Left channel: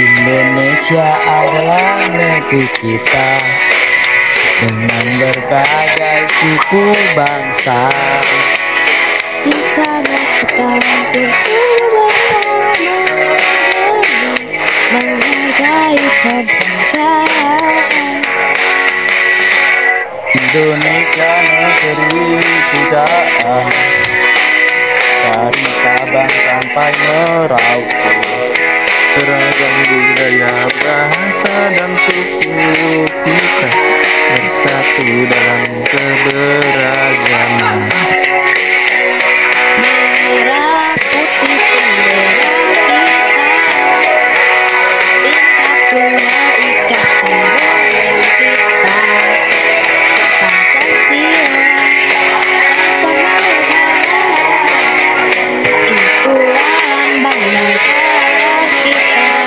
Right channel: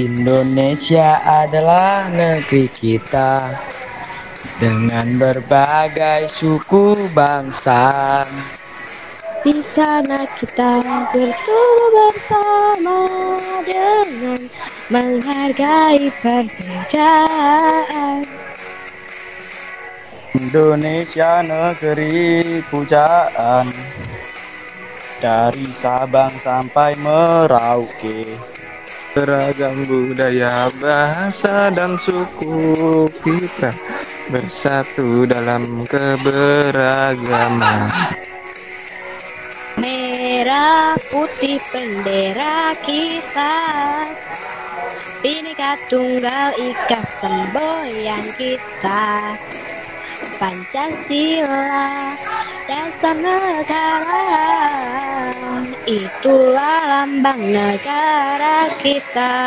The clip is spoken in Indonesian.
Indonesia adalah negeri kita dengan berbagai suku bangsa. Di sana kita berkumpul bersama dengan menghargai perbedaan. Indonesia negeri pujaan, dari Sabang sampai Merauke. Beragam budaya, bahasa, dan suku kita bersatu dalam keberagaman. Merah putih bendera kita, Bhinneka Tunggal Ika semboyan kita. Pancasila dasar negara, itulah lambang negara kita.